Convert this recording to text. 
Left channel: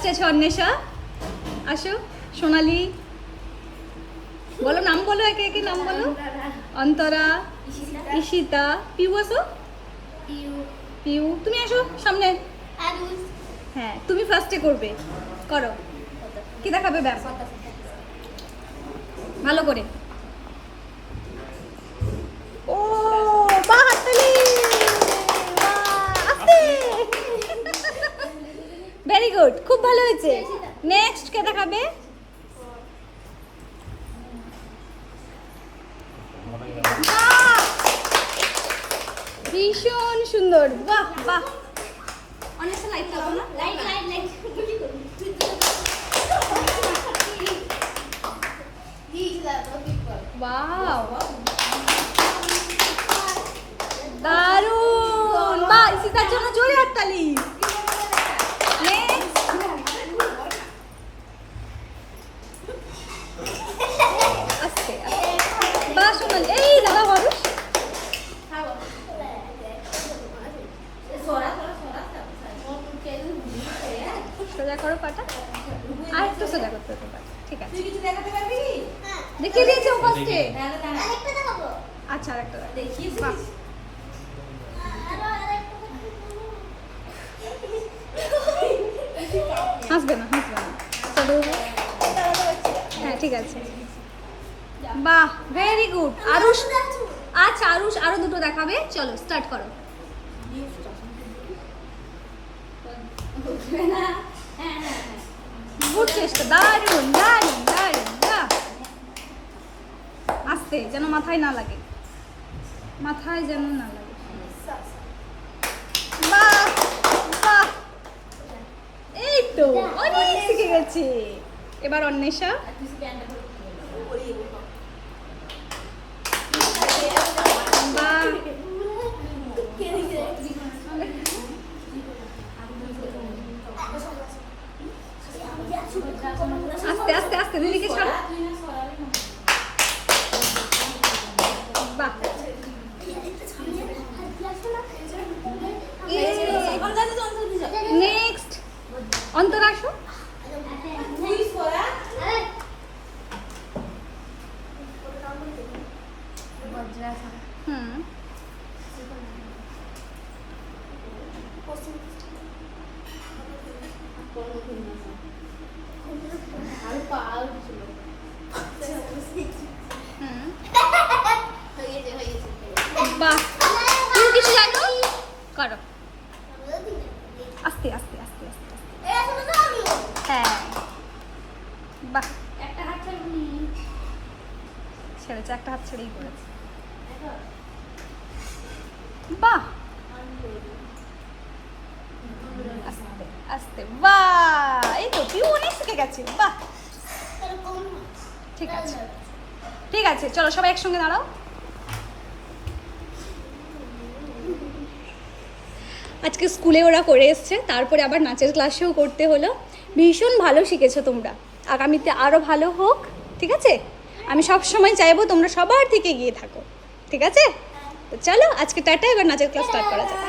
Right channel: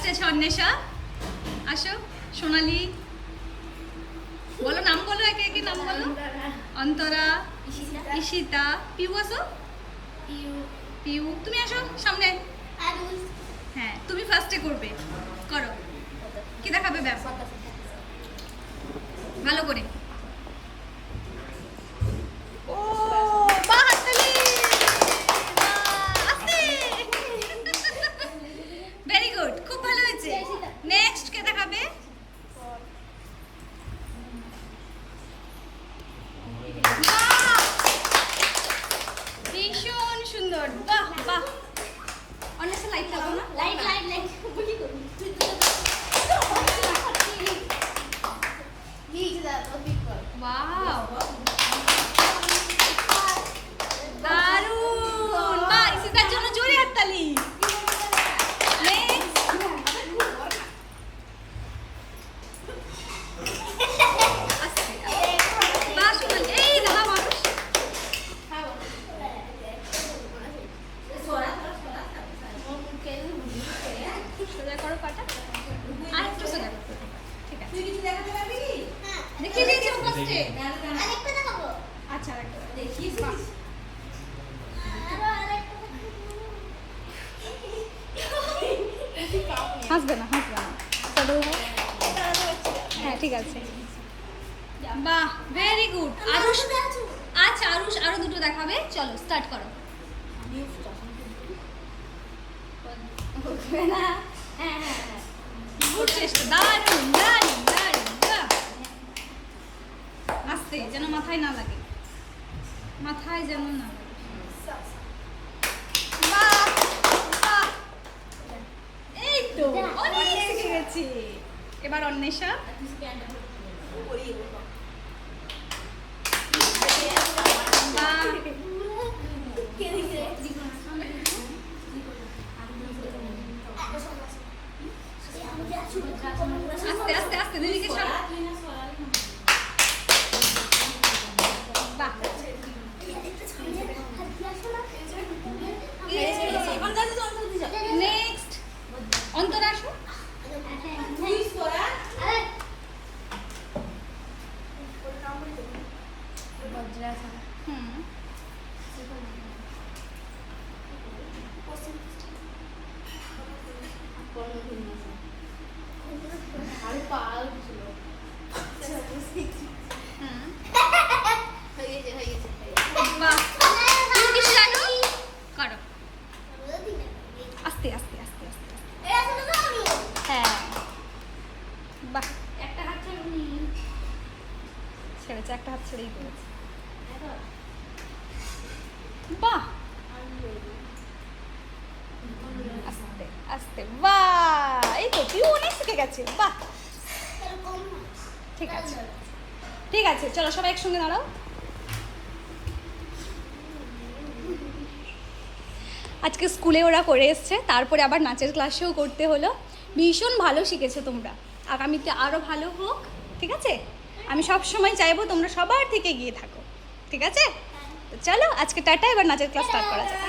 অন্বেষা আসো, সোনালি বলো, নাম বলো, একে একে নাম বলো। অন্তরা, ঈশিতা, পিউ আসো। পিউ তুমি আসো সামনে। হ্যাঁ তুমি ফার্স্টে করবে, করো। কি দেখাবে ব্যাম? ভালো করে। ও বাহ, হাততালি। ভেরি গুড, খুব ভালো হয়েছে। নেক্সট কে দেখাবে? ভীষণ সুন্দর, বাহ বাহ। অনেক লাইট লাগাও না, লাইট লাইট লাইট দারুণ, বাহ। ঈশিতার জন্য জোরে হাততালি। বাহ সোনালি, এই দাদা মানুষ। সোজা করো পাটা, আর একটু সোজা করো পাটা। ঠিক আছে, দেখিয়ে দিয়েছি ও ফার্স্টে। আচ্ছা আরেকটা দেখিয়ে। হাসবে না, হাসবে না। হ্যাঁ ঠিক আছে, বাহ ভেরি গুড। আরুষ, আচ্ছা আরুষ আরো দুটো দেখাবে, চলো স্টার্ট করো। গুড চেষ্টা, দারুণ দারুণ দারুণ, বাহ। আস্তে, যেন মাথায় না লাগে, মাথায় যেন না লাগে। বাহ বাহ, এই তো অনেক শিখে গেছি। এবার অন্বেষা। আস্তে আস্তে আস্তে, দিদিকে ছাড়ো। বাহ, নেক্সট অন্তরা আসো। হুম, বাহ। তুমি কিছু জানো? করো আস্তে আস্তে আস্তে আস্তে। হ্যাঁ বাহ, একটা হাত ছেড়েছে, একটা হাত ছেড়েই করেছে। বাহ আস্তে আস্তে, বাহ। এই তো পিউ অনেক শিখে গেছে, বাহ। ঠিক আছে ঠিক আছে, চলো সবাই একসঙ্গে দাঁড়াও। আজকে স্কুলে ওরা করে এসছে, তারপরে আবার নাচের ক্লাসেও করতে হলো। ভীষণ ভালো শিখেছো তোমরা, আগামীতে আরও ভালো হোক। ঠিক আছে, আমি সব সময় চাইবো তোমরা সবার থেকে এগিয়ে থাকো। ঠিক আছে, তো চলো আজকে টাটা, এবার নাচের ক্লাস স্টার্ট করা যাক।